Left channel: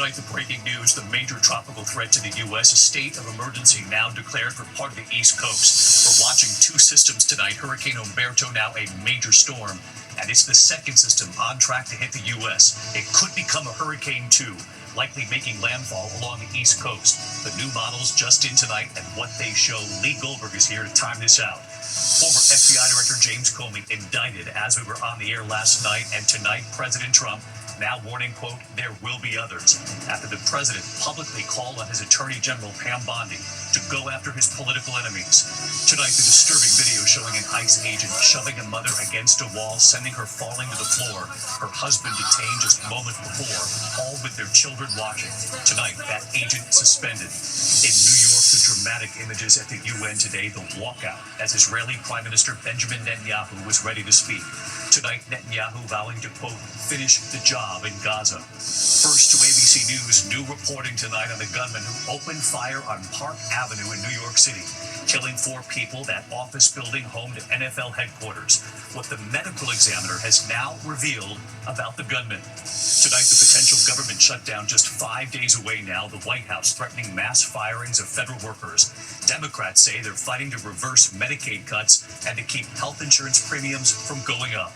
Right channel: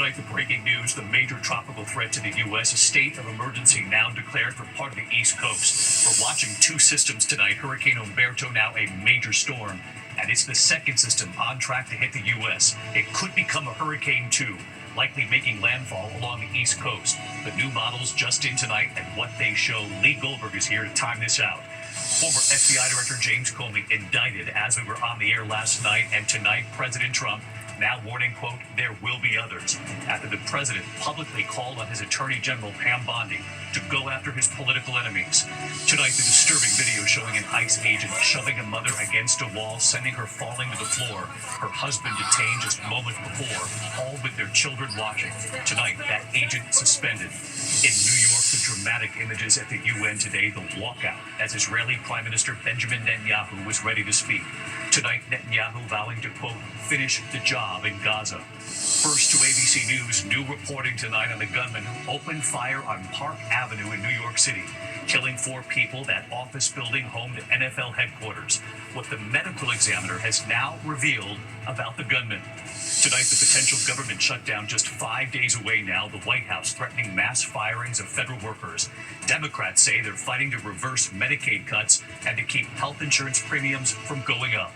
Tonight, the breaking news, the major tropical threat to the U.S., a state of emergency now declared for part of the East Coast. We're watching two systems tonight. Hurricane Umberto, now a major storm, and it's the second system on track to hit the U.S. It could become a Hurricane 2, likely making landfall along the East Coast. The new models just in tonight and what they show. Lee Goldberg is here to time this out. Former FBI Director James Comey indicted as we were on the air last night, and tonight President Trump now warning, quote, there will be others, after the president publicly called on his Attorney General Pam Bondi to go after his political enemies. Tonight, the disturbing video showing an ICE agent shoving a mother against a wall, sending her falling to the floor, her husband detained just moments before, all with their children watching. Tonight, that agent suspended. In New York, the dramatic images at the UN today, the walkout, as Israeli Prime Minister Benjamin Netanyahu was ready to speak. Tonight, Netanyahu vowing to, quote, finish the job in Gaza. First to ABC News, new reporting tonight on the gunman who opened fire on Park Avenue in New York City, killing 4 people, that office building home to NFL headquarters. What the medical examiner has now revealed about the gunman. Tonight, the potential government shutdown just 5 days away now, the White House threatening mass firings of federal workers. Democrats say they're fighting to reverse Medicaid cuts and to keep health insurance premiums from going up.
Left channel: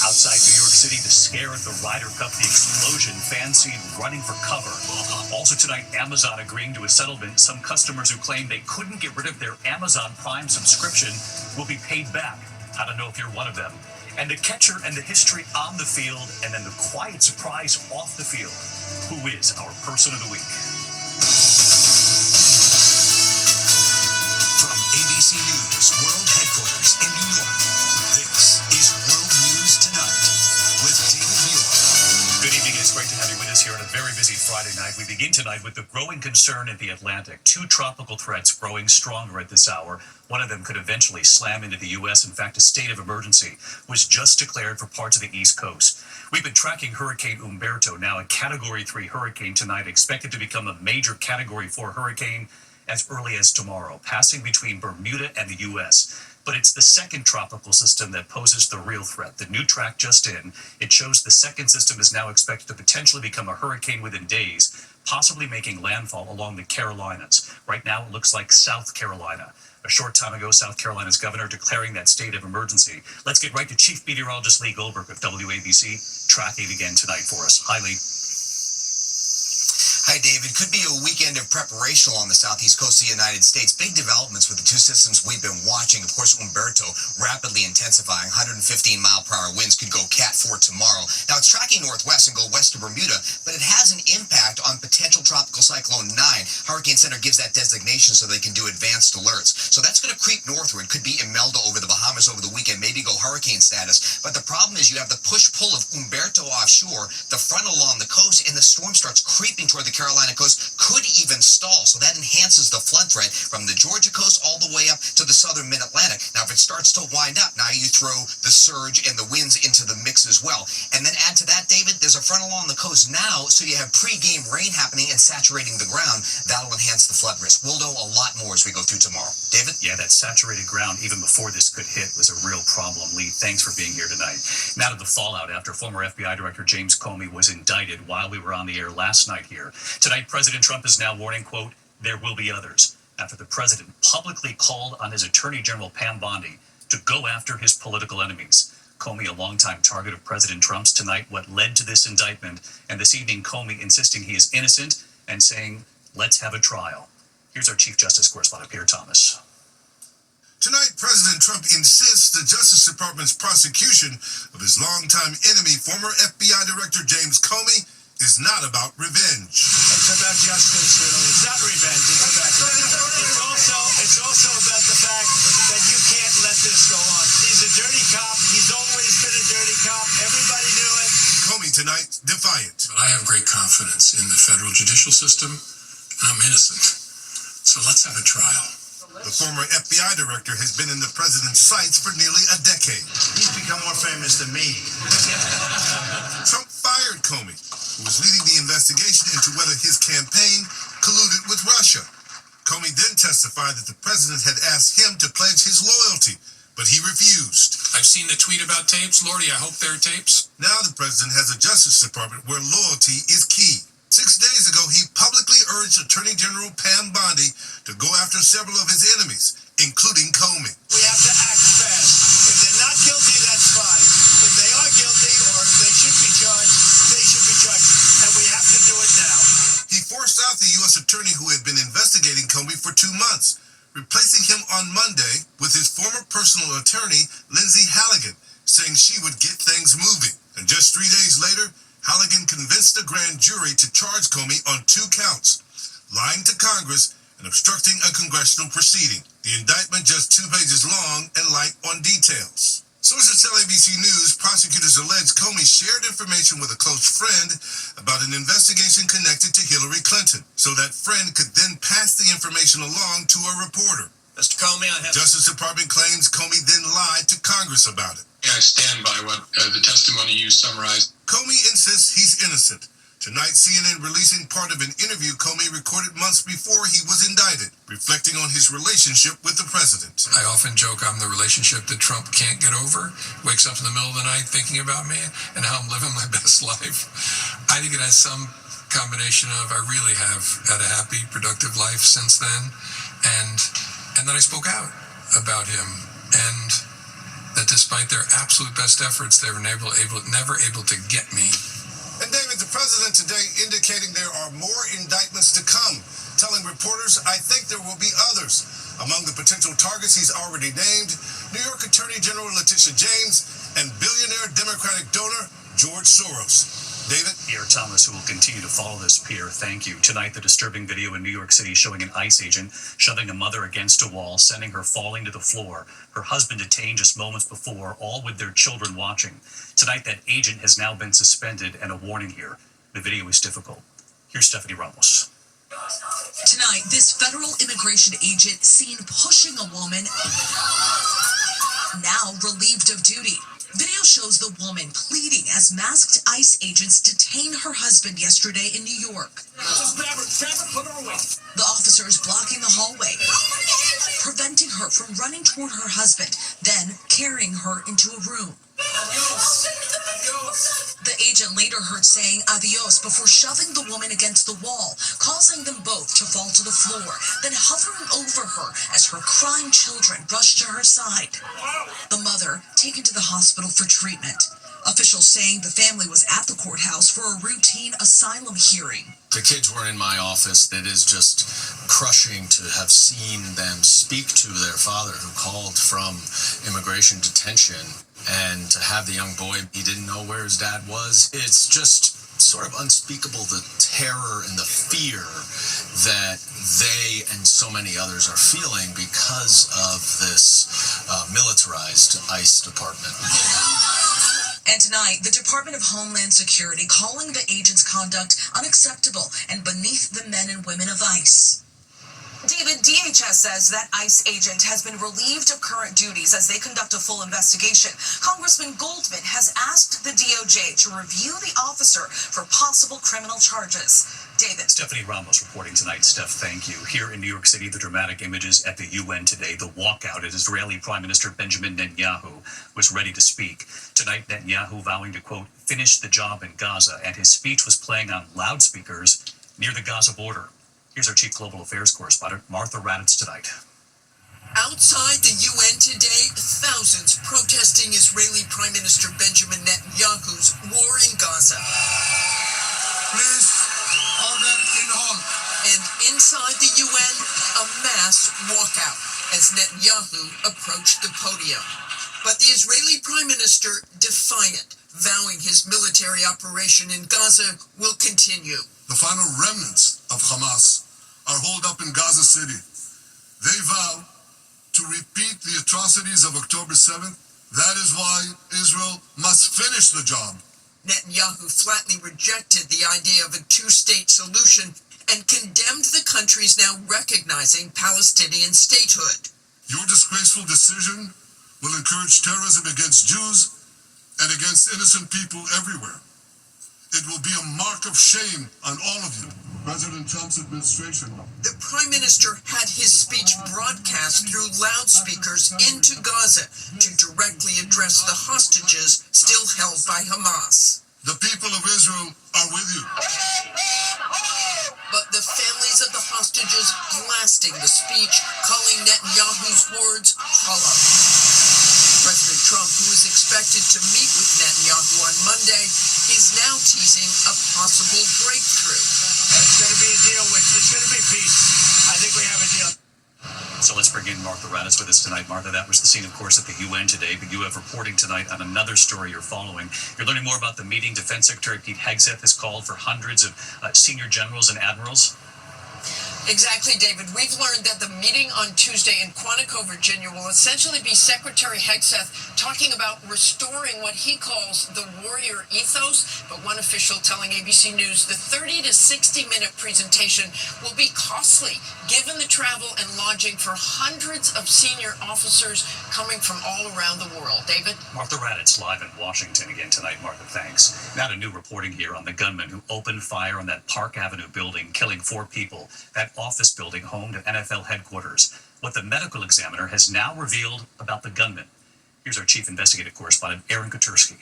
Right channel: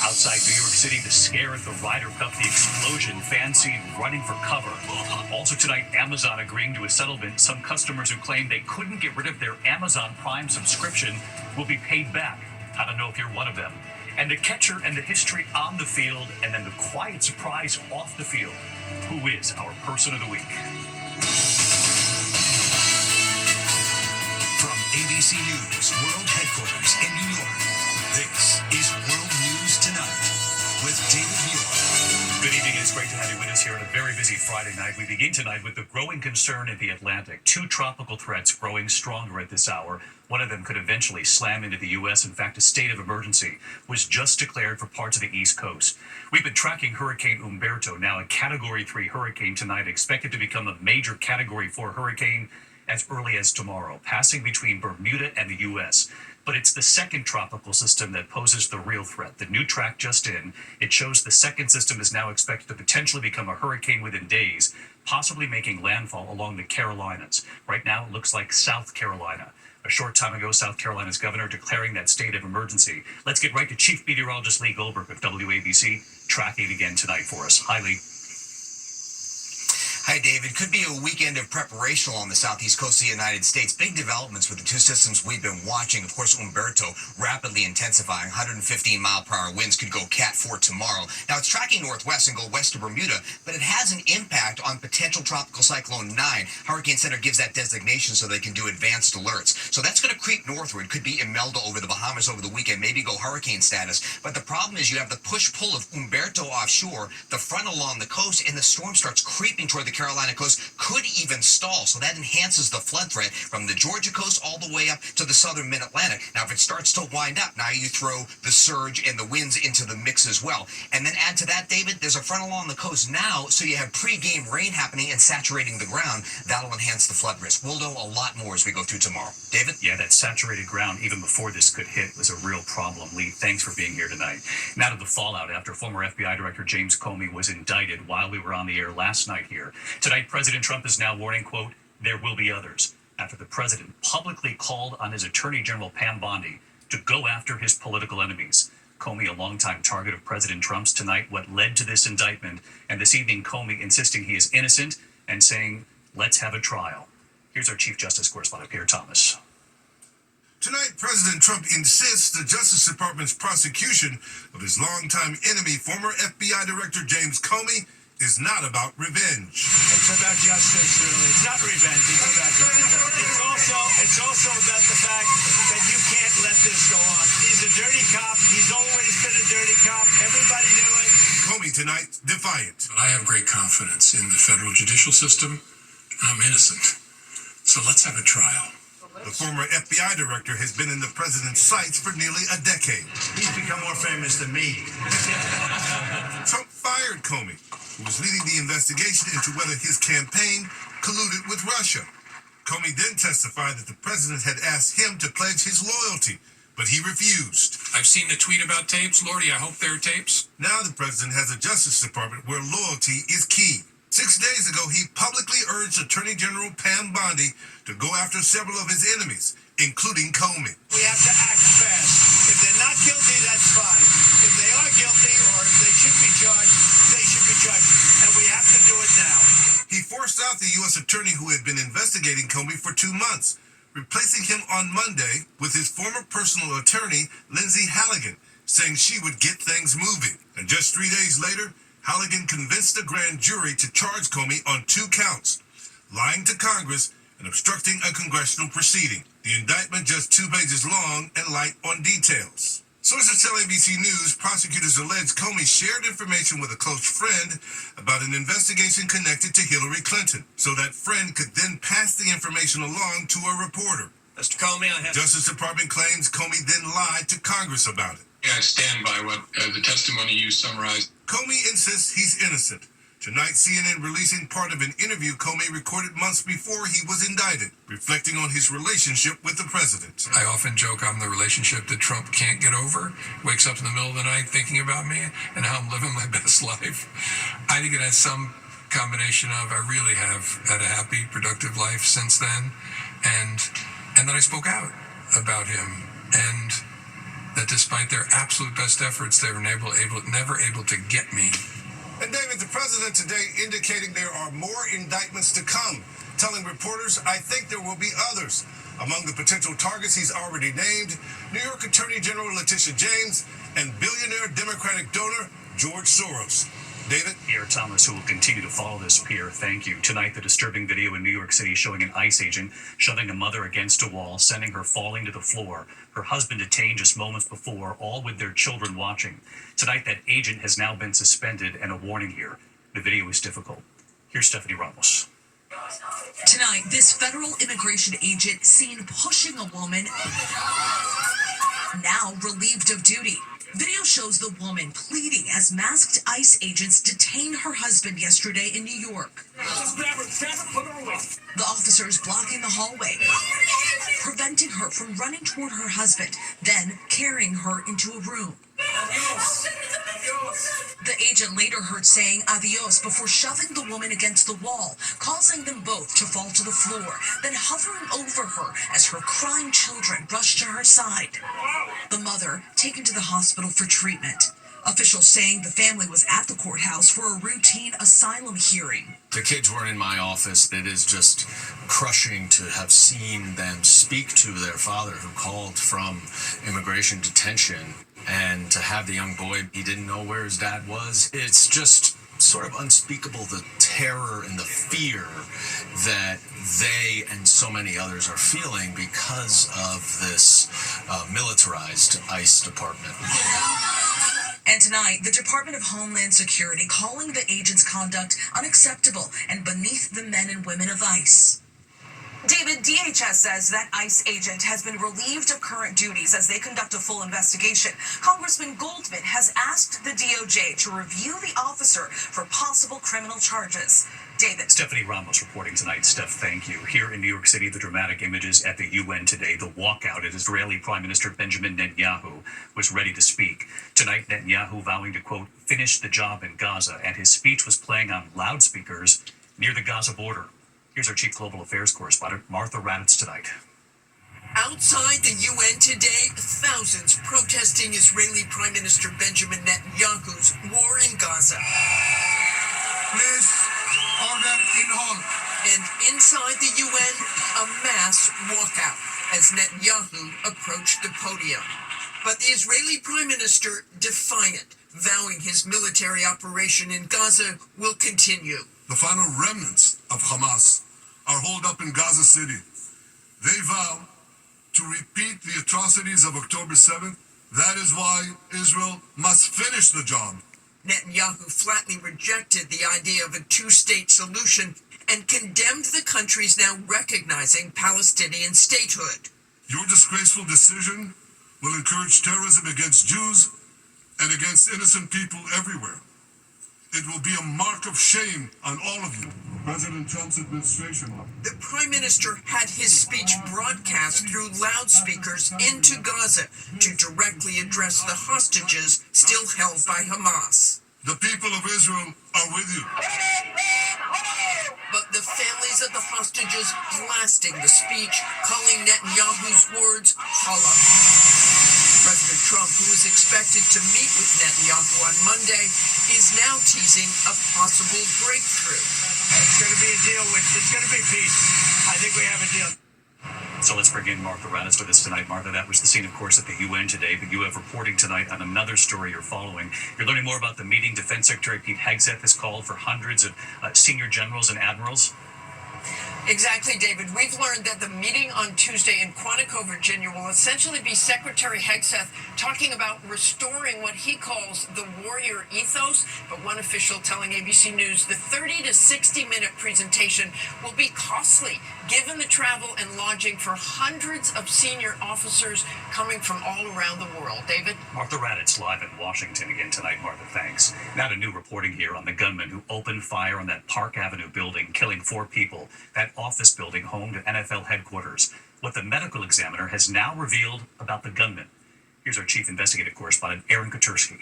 Outside New York City, the scare at the Ryder Cup, the explosion, fans seen running for cover. Also tonight, Amazon agreeing to a settlement. Some customers who claimed they couldn't get rid of their Amazon Prime subscription will be paid back. I don't know if you're one of them. And the catcher and the history on the field, and then the quiet surprise off the field. Who is our person of the week? From ABC News World Headquarters in New York, this is World News Tonight with David Muir. Good evening. It's great to have you with us here on a very busy Friday night. We begin tonight with the growing concern in the Atlantic. 2 tropical threats growing stronger at this hour. One of them could eventually slam into the U.S. In fact, a state of emergency was just declared for parts of the East Coast. We've been tracking Hurricane Umberto, now a Category 3 hurricane tonight, expected to become a major Category 4 hurricane as early as tomorrow, passing between Bermuda and the U.S. But it's the second tropical system that poses the real threat. The new track just in, it shows the second system is now expected to potentially become a hurricane within days, possibly making landfall along the Carolinas. Right now, it looks like South Carolina. A short time ago, South Carolina's governor declaring that state of emergency. Let's get right to Chief Meteorologist Lee Goldberg of WABC, tracking it again tonight for us. Hi, Lee. Hi, David. Could be a weekend of preparation along the southeast coast of the United States. Big developments with the 2 systems we've been watching. Of course, Umberto rapidly intensifying. 115-mile-per-hour winds could go Cat 4 tomorrow. Now, it's tracking northwest and go west to Bermuda, but it has an impact on potential tropical cyclone 9. Hurricane Center gives that designation so they can do advanced alerts. So that's going to creep northward. Could be Imelda over the Bahamas over the weekend, maybe go hurricane status. But the problem is you have the push-pull of Umberto offshore, the front along the coast, and the storm starts creeping toward the Carolina coast, could even stall. So that enhances the flood threat from the Georgia coast all the way up to the southern mid-Atlantic. Now, if it starts to wind up, now you throw the surge and the winds into the mix as well. And then add to that, David, there's a front along the coast now, so you have pre-game rain happening and saturating the ground. That'll enhance the flood risk. We'll know a lot more as we go through tomorrow. David? Yeah, that saturated ground, even before this could hit, was a real problem. Lee, thanks for being here tonight. Now to the fallout after former FBI Director James Comey was indicted while we were on the air last night here. Tonight, President Trump is now warning, quote, there will be others, after the president publicly called on his Attorney General Pam Bondi to go after his political enemies. Comey, a longtime target of President Trump's, tonight what led to this indictment, and this evening Comey insisting he is innocent and saying, let's have a trial. Here's our Chief Justice correspondent, Peter Thomas. Tonight, President Trump insists the Justice Department's prosecution of his longtime enemy, former FBI Director James Comey, is not about revenge. It's about justice, really. It's not revenge. It's about justice. It's also about the fact that you can't let this go on. He's a dirty cop. He's always been a dirty cop. Everybody knew it. Comey tonight, defiant. I have great confidence in the federal judicial system. I'm innocent. So let's have a trial. The former FBI director has been in the president's sights for nearly a decade. He's become more famous than me. Trump fired Comey, who was leading the investigation into whether his campaign colluded with Russia. Comey then testified that the president had asked him to pledge his loyalty, but he refused. I've seen the tweet about tapes. Lordy, I hope there are tapes. Now the president has a Justice Department where loyalty is key. 6 days ago, he publicly urged Attorney General Pam Bondi to go after several of his enemies, including Comey. We have to act fast. If they're not guilty, that's fine. If they are guilty or if they should be charged, they should be charged. And we have to do it now. He forced out the U.S. attorney who had been investigating Comey for 2 months, replacing him on Monday with his former personal attorney, Lindsay Halligan, saying she would get things moving. And just 3 days later, Halligan convinced the grand jury to charge Comey on 2 counts, lying to Congress and obstructing a congressional proceeding. The indictment just 2 pages long and light on details. Sources tell ABC News prosecutors allege Comey shared information with a close friend about an investigation connected to Hillary Clinton, so that friend could then pass the information along to a reporter. Mr. Comey, I have... Justice Department claims Comey then lied to Congress about it. I stand by what the testimony you summarized. Comey insists he's innocent. Tonight, CNN releasing part of an interview Comey recorded months before he was indicted, reflecting on his relationship with the president. I often joke I'm the relationship that Trump can't get over, wakes up in the middle of the night thinking about me and how I'm living my best life. I think it has some combination of I really have had a happy, productive life since then, and that I spoke out about him, and that despite their absolute best efforts, they were never able to get me. And David, the president today indicating there are more indictments to come, telling reporters, I think there will be others. Among the potential targets he's already named, New York Attorney General Letitia James and billionaire Democratic donor George Soros. David? Pierre Thomas, who will continue to follow this, Pierre, thank you. Tonight, the disturbing video in New York City showing an ICE agent shoving a mother against a wall, sending her falling to the floor. Her husband detained just moments before, all with their children watching. Tonight, that agent has now been suspended, and a warning here. The video is difficult. Here's Stephanie Ramos. Tonight, this federal immigration agent seen pushing a woman, now relieved of duty. Video shows the woman pleading as masked ICE agents detain her husband yesterday in New York. The officers blocking the hallway, preventing her from running toward her husband, then carrying her into a room. The agent later heard saying adios before shoving the woman against the wall, causing them both to fall to the floor, then hovering over her as her crying children rushed to her side. The mother taken to the hospital for treatment. Officials saying the family was at the courthouse for a routine asylum hearing. The kids were in my office. It is just crushing to have seen them speak to their father who called from immigration detention, and to have the young boy, he didn't know where his dad was. It's just sort of unspeakable, the terror and the fear that they and so many others are feeling because of this militarized ICE department. And tonight, the Department of Homeland Security calling the agent's conduct unacceptable and beneath the men and women of ICE. David, DHS says that ICE agent has been relieved of current duties as they conduct a full investigation. Congressman Goldman has asked the DOJ to review the officer for possible criminal charges. David. Stephanie Ramos reporting tonight. Steph, thank you. Here in New York City, the dramatic images at the UN today, the walkout at Israeli Prime Minister Benjamin Netanyahu was ready to speak. Tonight, Netanyahu vowing to, quote, finish the job in Gaza, and his speech was playing on loudspeakers near the Gaza border. Here's our chief global affairs correspondent, Martha Raddatz, tonight. Outside the UN today, thousands protesting Israeli Prime Minister Benjamin Netanyahu's war in Gaza. Please, order in hall. And inside the UN, a mass walkout as Netanyahu approached the podium. But the Israeli Prime Minister defiant, vowing his military operation in Gaza will continue. The final remnants of Hamas are holed up in Gaza City. They vow to repeat the atrocities of October 7th. That is why Israel must finish the job. Netanyahu flatly rejected the idea of a two-state solution and condemned the countries now recognizing Palestinian statehood. Your disgraceful decision will encourage terrorism against Jews and against innocent people everywhere. It will be a mark of shame on all of you. President Trump's administration. The Prime Minister had his speech broadcast through loudspeakers into Gaza to directly address the hostages still held by Hamas. The people of Israel are with you. Families of the hostages blasting the speech, calling Netanyahu's words hollow. President Trump, who is expected to meet with Netanyahu on Monday, is now teasing a possible breakthrough. It's going to be a deal it's going to be peace. I think we have a deal. So let's bring in Martha Raddatz with us tonight. Martha, that was the scene, of course, at the UN today, but you have reporting tonight on another story you're following. You're learning more about the meeting Defense Secretary Pete Hegseth has called for hundreds of senior generals and admirals. Exactly, David. We've learned that the meeting on Tuesday in Quantico, Virginia, will essentially be Secretary Hegseth talking about restoring what he calls the warrior ethos. But one official telling ABC News the 30 to 60-minute presentation will be costly, given the travel and lodging for hundreds of senior officers coming from all around the world. David? Martha Raddatz live in Washington again tonight. Martha, thanks. Now to new reporting here on the gunman who opened fire on that Park Avenue building, killing 4 people. That office building home to NFL headquarters. What the medical examiner has now revealed about the gunman. Here's our chief investigative correspondent, Aaron Katursky.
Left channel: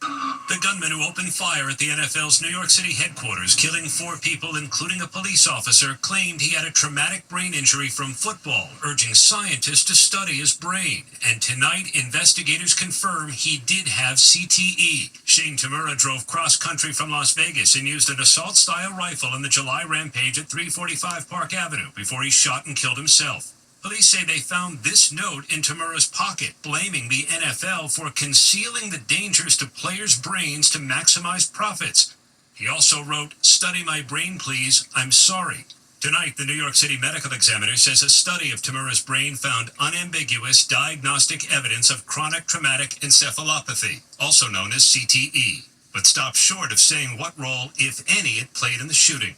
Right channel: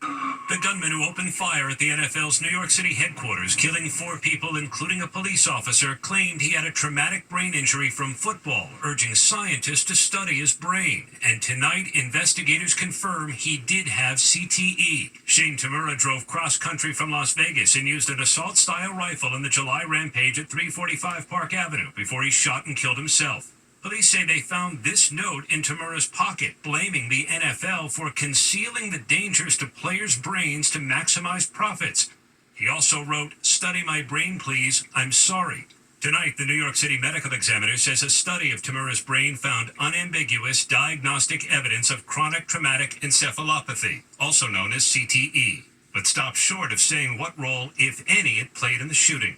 The gunman who opened fire at the NFL's New York City headquarters, killing 4 people, including a police officer, claimed he had a traumatic brain injury from football, urging scientists to study his brain. And tonight, investigators confirm he did have CTE. Shane Tamura drove cross-country from Las Vegas and used an assault-style rifle in the July rampage at 345 Park Avenue before he shot and killed himself. Police say they found this note in Tamura's pocket, blaming the NFL for concealing the dangers to players' brains to maximize profits. He also wrote, "Study my brain, please. I'm sorry." Tonight, the New York City medical examiner says a study of Tamura's brain found unambiguous diagnostic evidence of chronic traumatic encephalopathy, also known as CTE, but stopped short of saying what role, if any, it played in the shooting.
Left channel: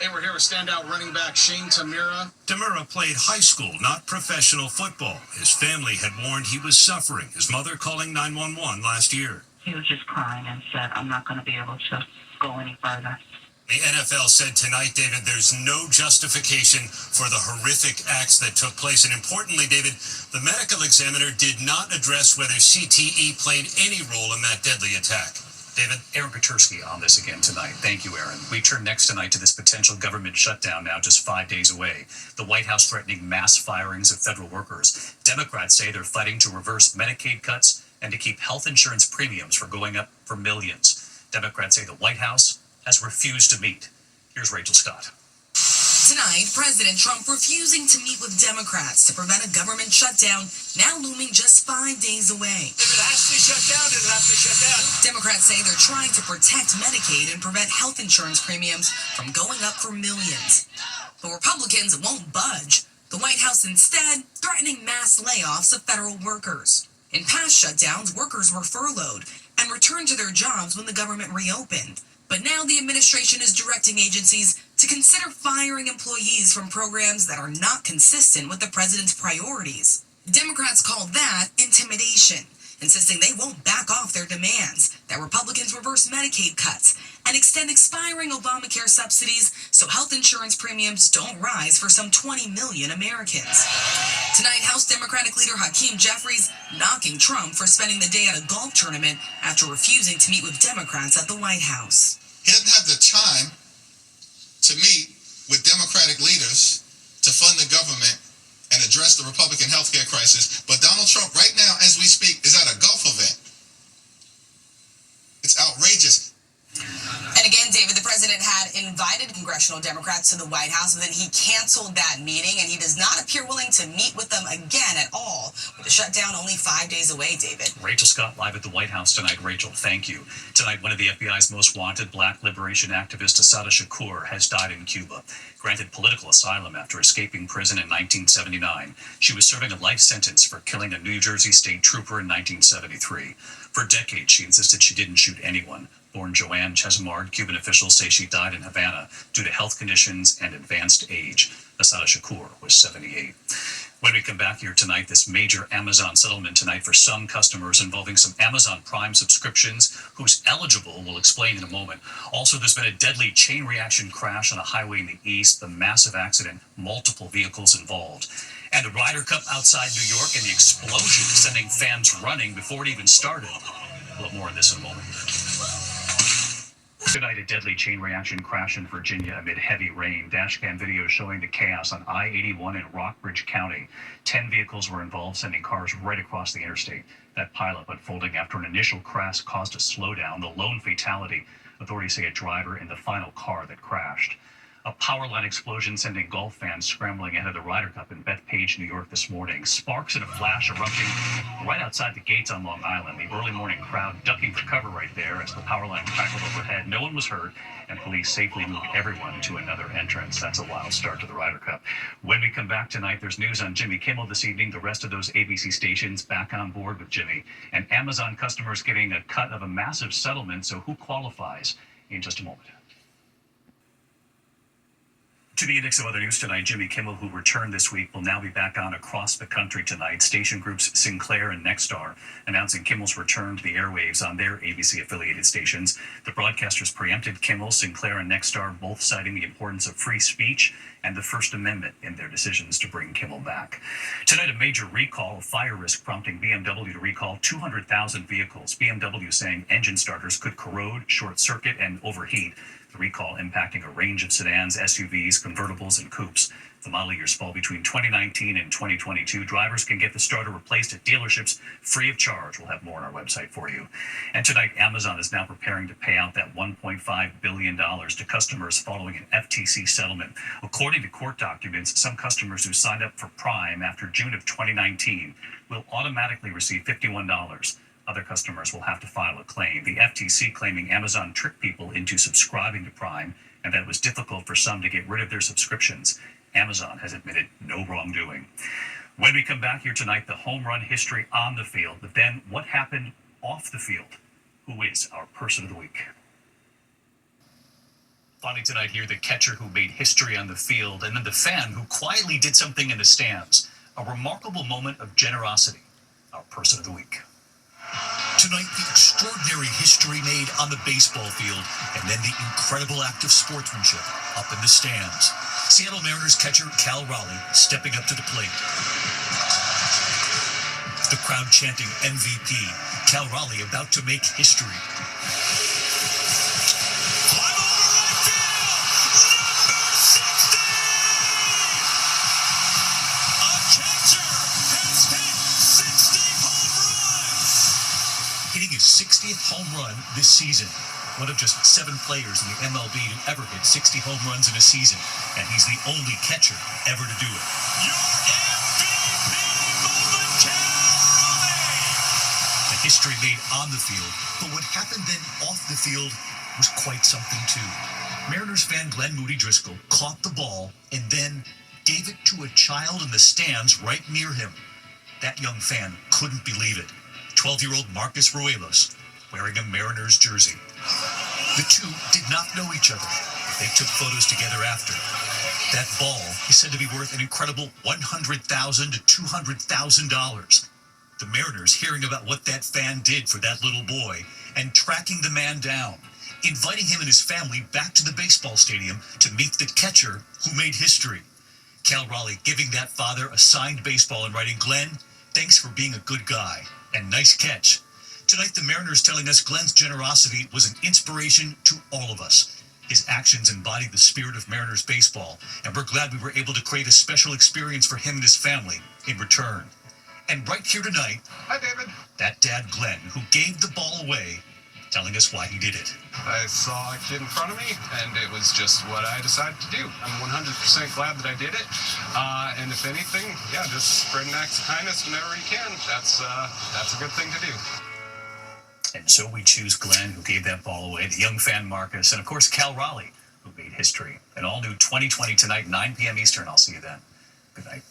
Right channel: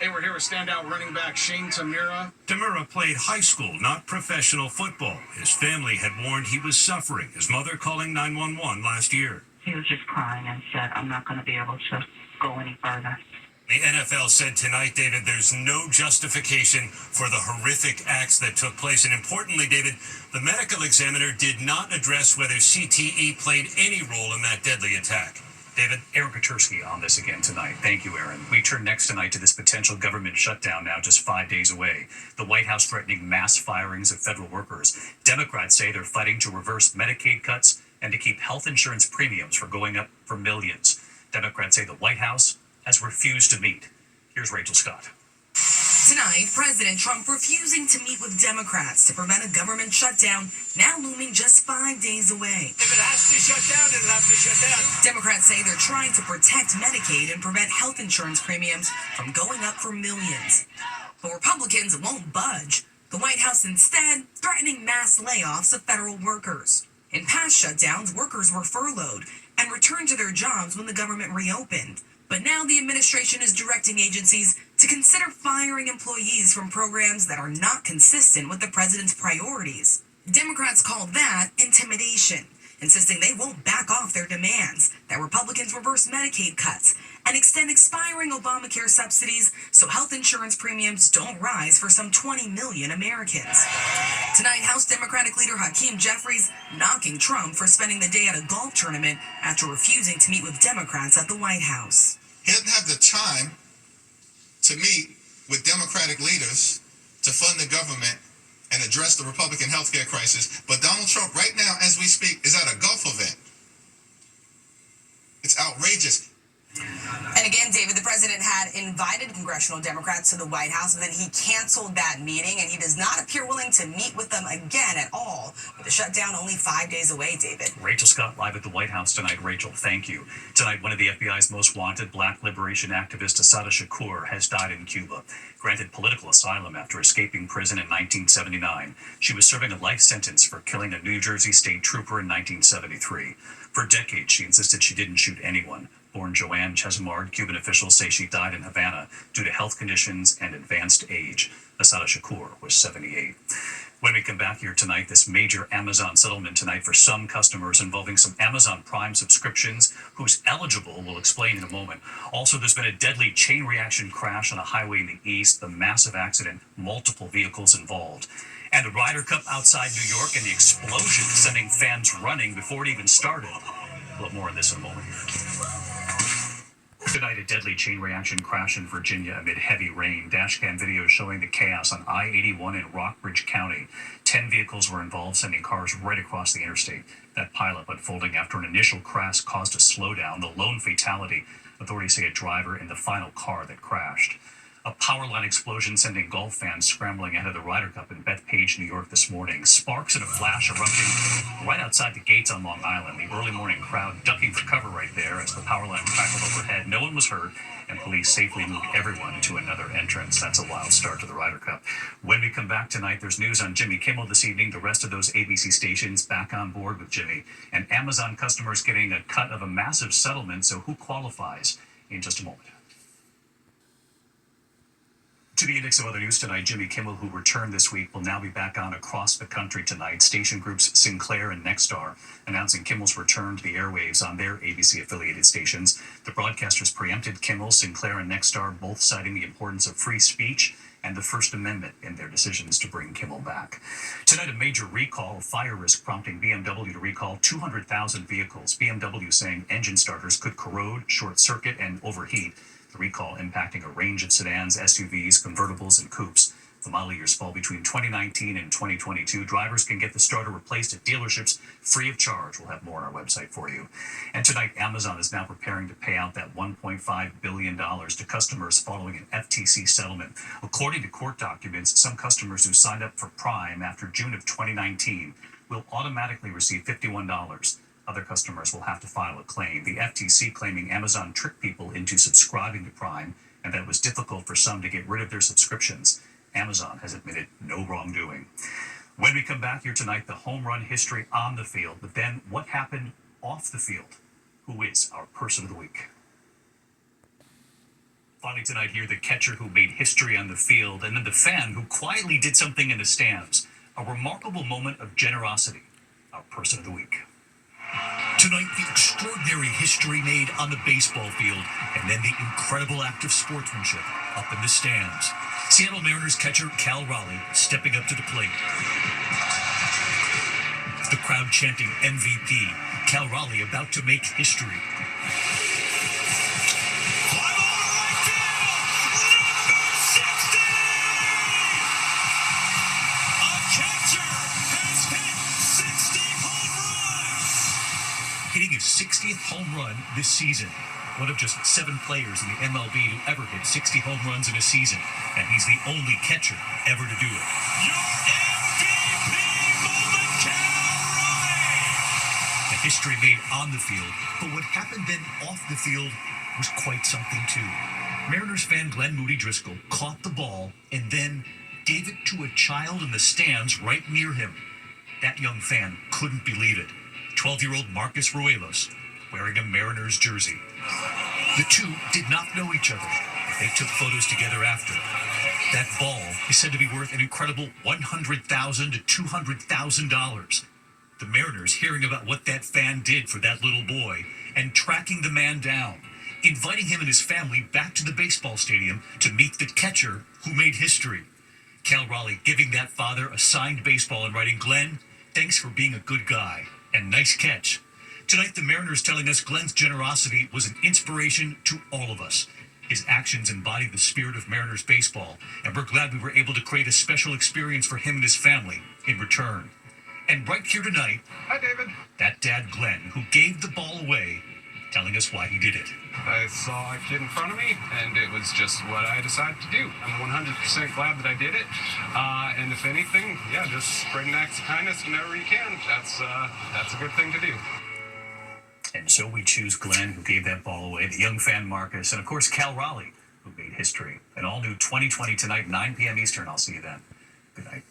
They were here with standout running back Shane Tamura. Tamura played high school, not professional football. His family had warned he was suffering, his mother calling 911 last year. He was just crying and said, "I'm not going to be able to go any further." The NFL said tonight, David, there's no justification for the horrific acts that took place. And importantly, David, the medical examiner did not address whether CTE played any role in that deadly attack. David? Aaron Katursky on this again tonight. Thank you, Aaron. We turn next tonight to this potential government shutdown now just 5 days away. The White House threatening mass firings of federal workers. Democrats say they're fighting to reverse Medicaid cuts and to keep health insurance premiums from going up for millions. Democrats say the White House has refused to meet. Here's Rachel Scott. Tonight, President Trump refusing to meet with Democrats to prevent a government shutdown, now looming just 5 days away. If it has to shut down, it'll have to shut down. Democrats say they're trying to protect Medicaid and prevent health insurance premiums from going up for millions. But Republicans won't budge. The White House instead threatening mass layoffs of federal workers. In past shutdowns, workers were furloughed and returned to their jobs when the government reopened. But now the administration is directing agencies to consider firing employees from programs that are not consistent with the president's priorities. Democrats call that intimidation, insisting they won't back off their demands that Republicans reverse Medicaid cuts and extend expiring Obamacare subsidies so health insurance premiums don't rise for some 20 million Americans. Tonight, House Democratic leader Hakeem Jeffries knocking Trump for spending the day at a golf tournament after refusing to meet with Democrats at the White House. He doesn't have the time to meet with Democratic leaders to fund the government and address the Republican healthcare crisis. But Donald Trump, right now, as we speak, is at a golf event. It's outrageous. And again, David, the president had invited congressional Democrats to the White House, but then he canceled that meeting, and he does not appear willing to meet with them again at all, with the shutdown only 5 days away, David. Rachel Scott live at the White House tonight. Rachel, thank you. Tonight, one of the FBI's most wanted black liberation activists, Assata Shakur, has died in Cuba. Granted political asylum after escaping prison in 1979. She was serving a life sentence for killing a New Jersey state trooper in 1973. For decades, she insisted she didn't shoot anyone. Born Joanne Chesimard, Cuban officials say she died in Havana due to health conditions and advanced age. Assata Shakur was 78. When we come back here tonight, this major Amazon settlement tonight for some customers involving some Amazon Prime subscriptions. Who's eligible, we'll explain in a moment. Also, there's been a deadly chain reaction crash on a highway in the east, the massive accident, multiple vehicles involved. And the Ryder Cup outside New York and the explosion sending fans running before it even started. A little more on this in a moment. Tonight, a deadly chain reaction crash in Virginia amid heavy rain. Dashcam video showing the chaos on I-81 in Rockbridge County. 10 vehicles were involved, sending cars right across the interstate. That pileup unfolding after an initial crash caused a slowdown. The lone fatality, authorities say a driver in the final car that crashed. A power line explosion sending golf fans scrambling ahead of the Ryder Cup in Bethpage, New York this morning. Sparks and a flash erupting right outside the gates on Long Island. The early morning crowd ducking for cover right there as the power line crackled overhead. No one was hurt, and police safely moved everyone to another entrance. That's a wild start to the Ryder Cup. When we come back tonight, there's news on Jimmy Kimmel this evening. The rest of those ABC stations back on board with Jimmy. And Amazon customers getting a cut of a massive settlement, so who qualifies? In just a moment. To the index of other news tonight, Jimmy Kimmel, who returned this week, will now be back on across the country tonight. Station groups Sinclair and Nexstar announcing Kimmel's return to the airwaves on their ABC-affiliated stations. The broadcasters preempted Kimmel, Sinclair, and Nexstar, both citing the importance of free speech and the First Amendment in their decisions to bring Kimmel back. Tonight, a major recall of fire risk prompting BMW to recall 200,000 vehicles. BMW saying engine starters could corrode, short circuit, and overheat. The recall impacting a range of sedans, SUVs, convertibles, and coupes. The model years fall between 2019 and 2022. Drivers can get the starter replaced at dealerships free of charge. We'll have more on our website for you. And tonight, Amazon is now preparing to pay out that $1.5 billion to customers following an FTC settlement. According to court documents, some customers who signed up for Prime after June of 2019 will automatically receive $51. Other customers will have to file a claim. The FTC claiming Amazon tricked people into subscribing to Prime and that it was difficult for some to get rid of their subscriptions. Amazon has admitted no wrongdoing. When we come back here tonight, the home run history on the field, but then what happened off the field? Who is our person of the week? Finally tonight here, the catcher who made history on the field, and then the fan who quietly did something in the stands. A remarkable moment of generosity. Our person of the week. Tonight, the extraordinary history made on the baseball field, and then the incredible act of sportsmanship up in the stands. Seattle Mariners catcher Cal Raleigh stepping up to the plate. The crowd chanting MVP. Cal Raleigh about to make history. Hitting his 60th home run this season. One of just 7 players in the MLB to ever hit 60 home runs in a season, and he's the only catcher ever to do it. Your MVP moment, Cal Raleigh! The history made on the field, but what happened then off the field was quite something too. Mariners fan Glenn Moody Driscoll caught the ball and then gave it to a child in the stands right near him. That young fan couldn't believe it. 12-year-old Marcus Ruelos, wearing a Mariners jersey. The two did not know each other, but they took photos together after. That ball is said to be worth an incredible $100,000 to $200,000. The Mariners hearing about what that fan did for that little boy and tracking the man down, inviting him and his family back to the baseball stadium to meet the catcher who made history. Cal Raleigh giving that father a signed baseball and writing, "Glenn, thanks for being a good guy. And nice catch." Tonight, the Mariners telling us Glenn's generosity was an inspiration to all of us. His actions embodied the spirit of Mariners baseball, and we're glad we were able to create a special experience for him and his family in return. And right here tonight, hi, David. That dad, Glenn, who gave the ball away, telling us why he did it. I saw a kid in front of me, and it was just what I decided to do. I'm 100% glad that I did it. And if anything, yeah, just spreading acts of kindness whenever you can. That's a good thing to do. And so we choose Glenn, who gave that ball away, the young fan Marcus, and of course Cal Raleigh, who made history. An all-new 2020 tonight, 9 p.m. Eastern. I'll see you then. Good night.